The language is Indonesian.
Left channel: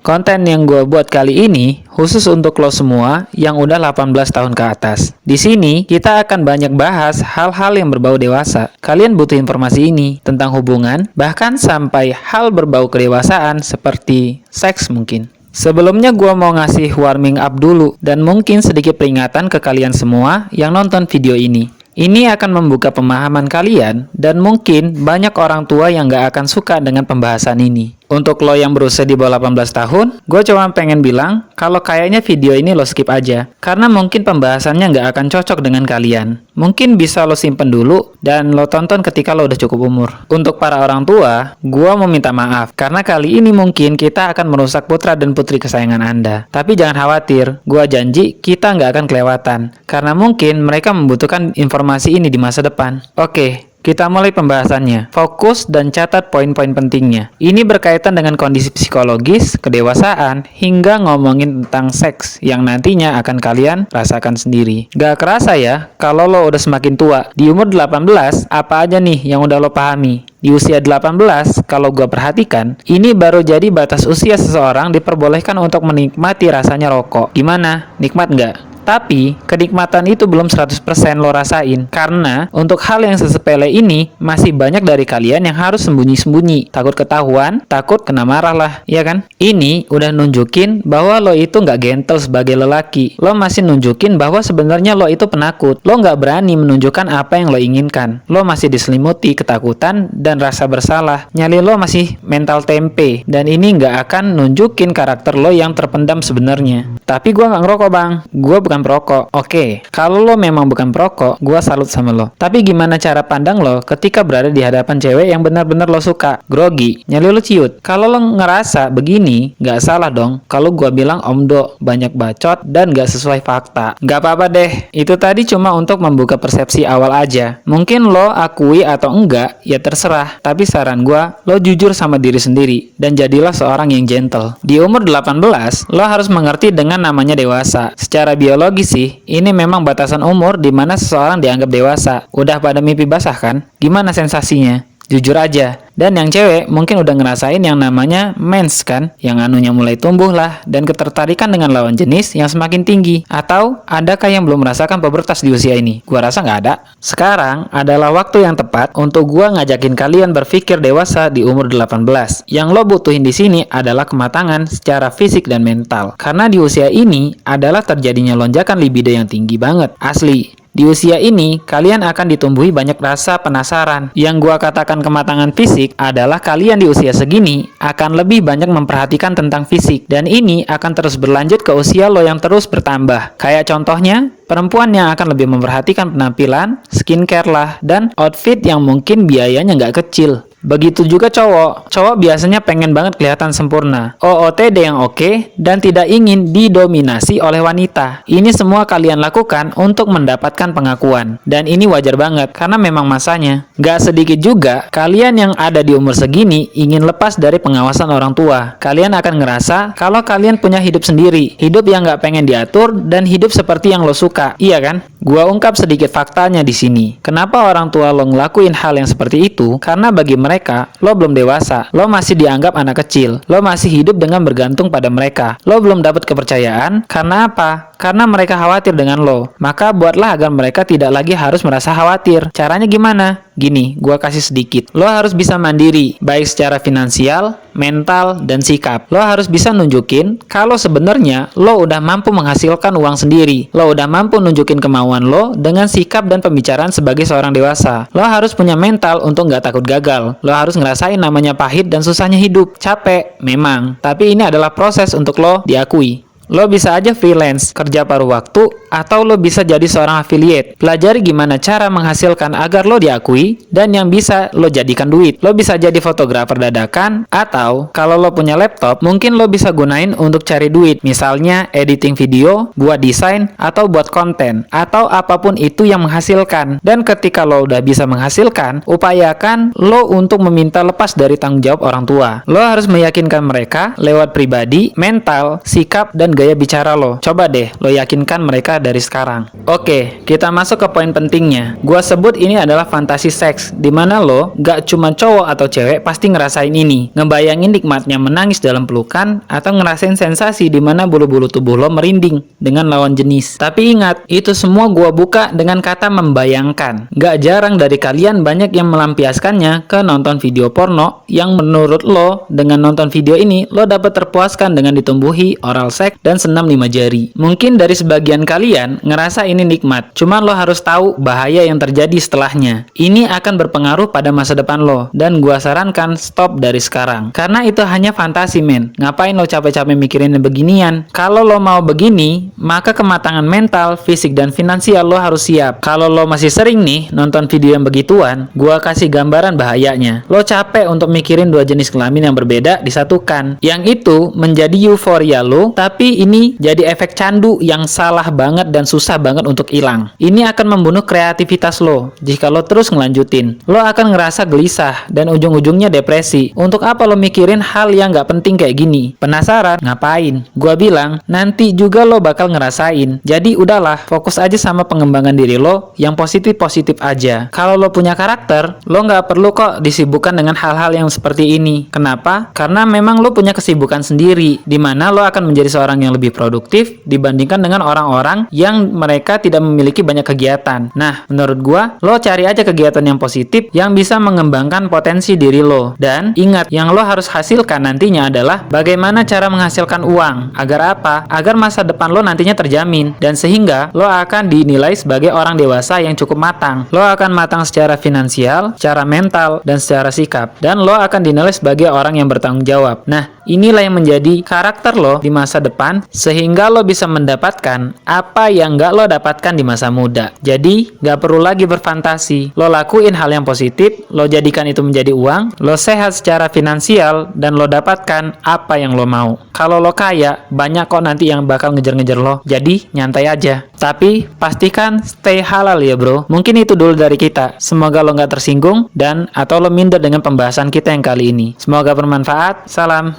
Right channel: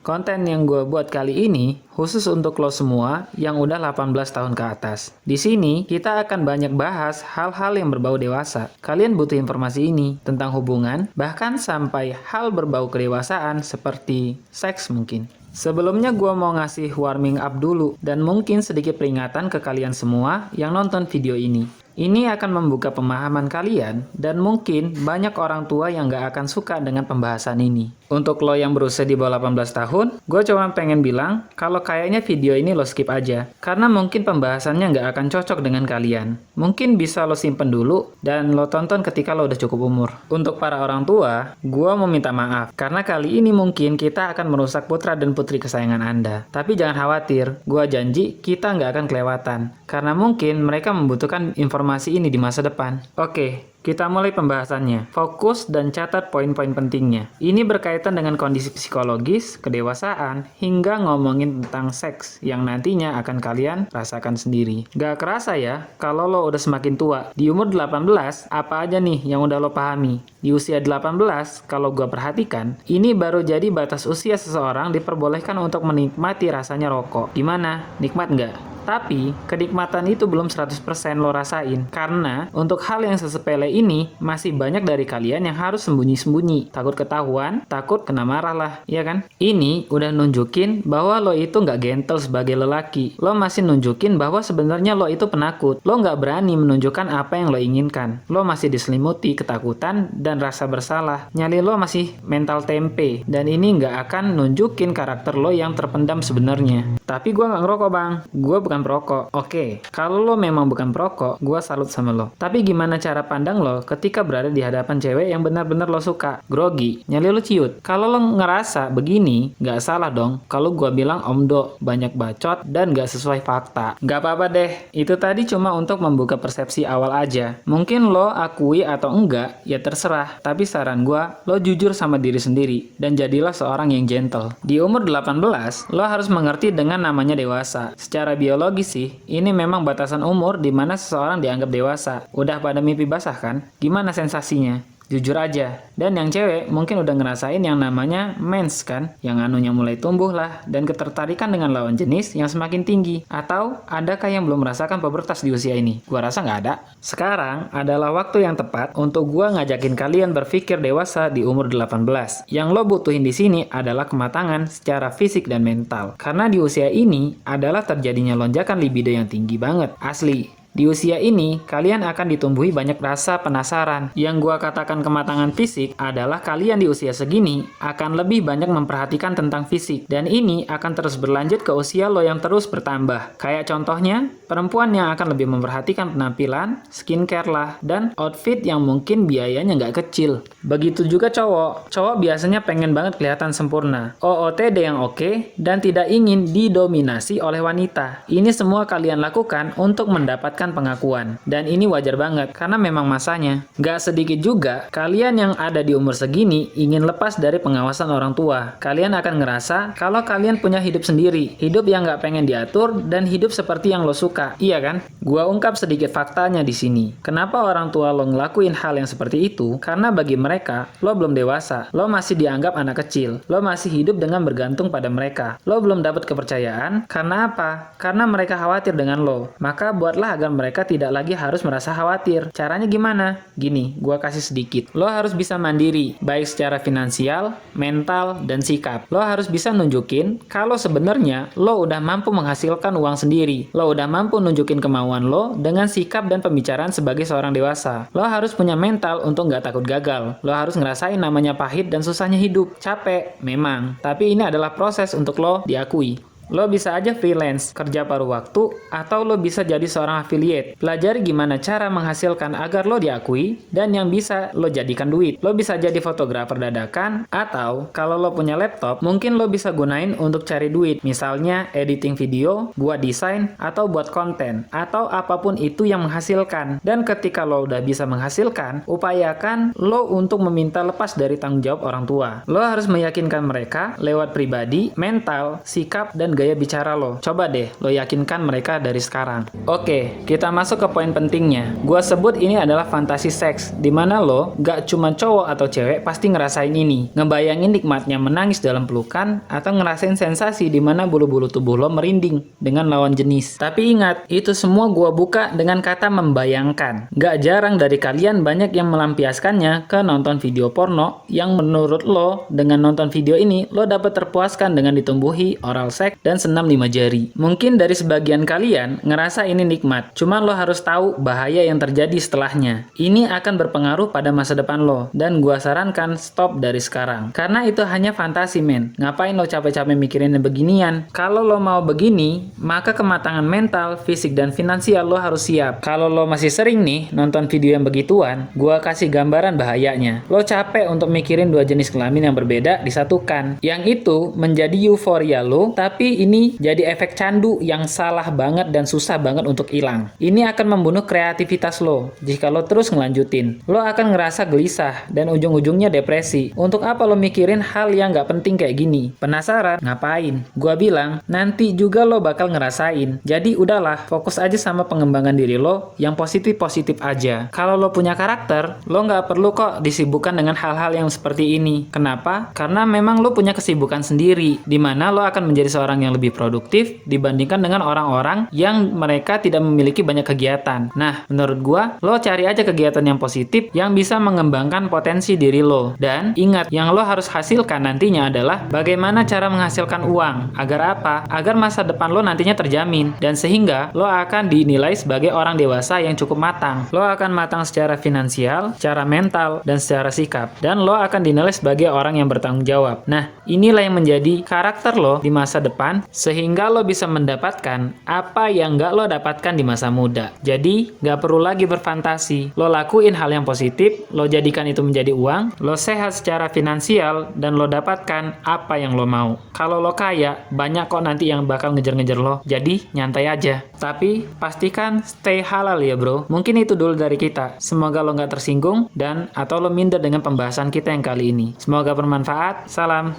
Konten yang gue buat kali ini khusus untuk lo semua yang udah 18 tahun ke atas. Di sini kita akan banyak bahas hal-hal yang berbau dewasa. Kalian butuh informasi ini tentang hubungan, bahkan sampai hal berbau kedewasaan seperti seks mungkin. Sebelumnya gue mau ngasih warming up dulu dan mungkin sedikit peringatan ke kalian semua yang nonton video ini. Ini akan membuka pemahaman kalian dan mungkin banyak orang tua yang gak akan suka dengan pembahasan ini. Untuk lo yang berusia di bawah 18 tahun, gue cuma pengen bilang kalau kayaknya video ini lo skip aja. Karena mungkin pembahasannya nggak akan cocok dengan kalian. Mungkin bisa lo simpen dulu dan lo tonton ketika lo udah cukup umur. Untuk para orang tua, gue mau minta maaf. Karena kali ini mungkin kita akan merusak putra dan putri kesayangan Anda. Tapi jangan khawatir, gue janji kita nggak akan kelewatan. Karena mungkin mereka membutuhkan informasi ini di masa depan. Oke. Kita mulai pembahasannya. Fokus dan catat poin-poin pentingnya. Ini berkaitan dengan kondisi psikologis, kedewasaan, hingga ngomongin tentang seks yang nantinya akan kalian rasakan sendiri. Gak kerasa ya, kalau lo udah semakin tua. Di umur 18, apa aja nih yang udah lo pahami? Di usia 18, kalau gue perhatikan, ini baru jadi batas usia seseorang diperbolehkan untuk menikmati rasanya rokok. Gimana? Nikmat nggak? Tapi, kenikmatan itu belum 100% lo rasain. Karena, untuk hal yang sesepele ini, masih banyak dari kalian yang harus sembunyi-sembunyi. Takut ketahuan, takut kena marah lah, iya kan? Ini udah nunjukin bahwa lo itu nggak gentle sebagai lelaki. Lo masih nunjukin bahwa sebenarnya lo itu penakut. Lo nggak berani menunjukkan apa yang lo inginkan. Lo masih diselimuti ketakutan dan rasa bersalah. Nyali lo masih mental tempe. Dan ini nggak akan nunjukin karakter lo yang terpendam sebenarnya. Tapi gue nggak ngerokok bang. Gue bukan perokok. Oke, kalau lo memang bukan perokok, gue salut sama lo. Tapi gimana cara pandang lo ketika berada di hadapan cewek yang benar-benar lo suka? Grogi, nyali lo ciut. Kalau lo ngerasa begini, nggak salah dong. Kalau gue bilang omdo, banyak bacot dan nggak sesuai fakta. Nggak apa-apa deh. Itu tadi cuma untuk membuka persepsi awal aja. Mungkin lo akui atau enggak, ya terserah. Tapi saran gue, lo jujur sama diri sendiri dan jadilah seorang yang gentle. Di umur 18, lo harus mengerti dengan namanya dewasa. Secara biologis sih, ini memang batasan umur di mana seseorang dianggap dewasa. Udah pada mimpi basah kan? Gimana sensasinya? Jujur aja. Dan yang cewek mungkin udah ngerasain yang namanya mens kan? Yang anunya mulai tumbuh lah dan ketertarikan dengan lawan jenis yang semakin tinggi. Atau adakah yang belum merasakan pubertas di usia ini? Gua rasa nggak ada. Sekarang adalah waktu yang tepat untuk gua ngajakin kalian berpikir dewasa di umur 18. Yang lo butuhin di sini adalah kematangan secara fisik dan mental. Karena di usia ini adalah terjadinya lonjakan libido yang tinggi banget. Asli. Di usia ini, kalian akan ditumbuhi banyak rasa penasaran. Yang gua katakan kematangan fisik adalah kalian di usia segini akan lebih banyak memperhatikan tentang fisik. Dan ini akan terus berlanjut ke usia lo yang terus bertambah. Kayak contohnya, perempuan yang akan lebih memperhatikan penampilan, skincare lah, dan outfit yang mungkin biayanya nggak kecil. Begitu juga cowok. Cowok biasanya pengen banget kelihatan sempurna. OOTD yang oke, dan tidak ingin didominasi oleh wanita. Ini semua kalian lakukan untuk mendapatkan pengakuan. Dan ini wajar banget, karena memang masanya. Gak sedikit juga, kalian yang ada di umur segini ingin lepas dari pengawasan orang tua. Kalian akan ngerasa kalau kalian punya hidup sendiri. Hidup yang gak pengen diatur, dan hidup seperti yang lo suka. Iya kan? Gua ungkap sedikit faktanya di sini. Kenapa orang tua lo ngelakuin hal yang seperti itu? Karena bagi mereka, lo belum dewasa. Lo masih dianggap anak kecil. Lo masih hidup dengan bergantung pada mereka. Lo belum dapat kepercayaan. Karena apa? Karena mereka khawatir dengan lo. Maka buatlah agar mereka tidak lagi harus merasa khawatir. Caranya gimana? Gini, gua kasih sedikit. Lo harus bisa mandiri, baik secara finansial, mental, dan sikap. Lo harus bisa nunjukin kalau sebenarnya lo udah mampu menghasilkan uang sendiri. Lo udah mampu nunjukin kemauan lo dengan sikap dan pembicaraan sebagai seorang dewasa. Lo harus punya mental untuk nggak takut gagal. Lo harus ngerasain namanya pahit dan susahnya hidup. Capek, memang. Tapi ini adalah proses untuk lo diakui. Lo bisa aja freelance, kerja paruh waktu, atau lo bisa jadi seorang affiliate. Pelajari gimana cara menghasilkan agar lo diakui, dan yang bisa lo jadikan duit. Lo bisa jadi fotografer dadakan, atau kalau lo punya laptop, mungkin lo bisa gunain untuk cari duit. Misalnya editing video, buat desain, atau buat konten, atau apapun itu yang menghasilkan. Dan ketika lo udah bisa menghasilkan, upayakan lo untuk meminta lepas dari tanggung jawab orang tua. Lo harus meyakinkan mereka lewat pribadi, mental, sikap, dan gaya bicara lo. Coba deh lo yakinkan mereka dari sekarang. Oke, kita masuk ke poin pentingnya. Gua sebut ini adalah fantasi seks, dimana lo gak cuma cowok atau cewek pasti ngerasain ini. Ngebayangin nikmatnya menangis dalam pelukan atau ngerasain sensasi dimana bulu-bulu tubuh lo merinding dengan lawan jenis. Tapi ingat, itu semua gua buka dengan kata membayangkan. Gak jarang dari kalian banyak yang melampiaskannya ke nonton video porno yang menurut lo dengan nonton video ini lo dapat terpuaskan dengan ditumbuhi oral seks dan senam 5 jari. Mungkin dari sebagian kalian ngerasa ini nikmat, cuma lo harus tahu bahaya yang terjadi setelahnya. Ini akan berpengaruh pada masa depan lo, dan gua sarankan stop dari sekarang. Karena itu hanya fantasi men, ngapain lo capek-capek mikirin beginian? Kalau lo mau begini, maka kematangan mental, fisik, dan finansial lo harus siap. Kalau lo masih sering nih nonton video yang begituan, gua kasih gambaran bahayanya. Lo capek untuk mikirin dua jenis kelamin yang berbeda disatukan. Yang itu menjadi euforia lo, tapi ini jadi efek candu yang salah banget dan susah banget untuk hilang. Ini akan membunuh kreativitas lo. Jika lo terus ngelanjutin, lo akan ngerasa gelisah dan ujung-ujungnya depresi. Untuk apa lo mikirin hal yang gak penting kayak gini? Penasaran? Ngapain? Gua bilang, nanti juga lo bakal ngerasain. Jadi udahlah, fokus aja sama pengembangan diri lo yang positif-positif aja. Kalau lo punya karakter, lo gak perlu kok disibukkan dengan hal-hal yang seperti ini. Kenapa? Karena memang lo punya kesibukan sendiri, dimana lo akan menjadi seorang yang lebih produktif dibandingkan dengan orang-orang yang mereka tidak memiliki banyak kegiatan. Nah, menurut gua, lo cari aja kegiatan yang positif yang bisa mengembangkan potensi diri lo. Dan ingat, yang lo harus hasilkan nantinya adalah bagaimana cara menghasilkan uang. Agar apa? Agar masa depan lo nantinya terjamin, dan sehingga lo akan dinilai sebagai orang dewasa yang cukup matang. Lo akan matang secara finansial, secara mental, dan secara sikap. Dan lo akan dinilai sebagai orang yang bertanggung jawab. Nah, inilah yang menjadi karakter lo di masa depan, sehingga lo bisa mendapatkan apa yang gak lo dapatkan di masa muda. Jadi, gak perlu lagi berfantasi. Lo lakuin hal yang positif, lo jadikan itu menjadi uang, lo sehat secara finansial, dan lo dapatkan apa yang lo mau. Kalau lo kaya, banyak kok nanti yang bakal ngejar-ngejar lo. Jadi, nyantai aja. Tapi, pastikan stay halal ya bro. Mungkin itu dulu dari kita. Semoga lo gak tersinggung, dan atau lo minder dengan pembahasan kita yang kali ini. Semoga bermanfaat. Salam.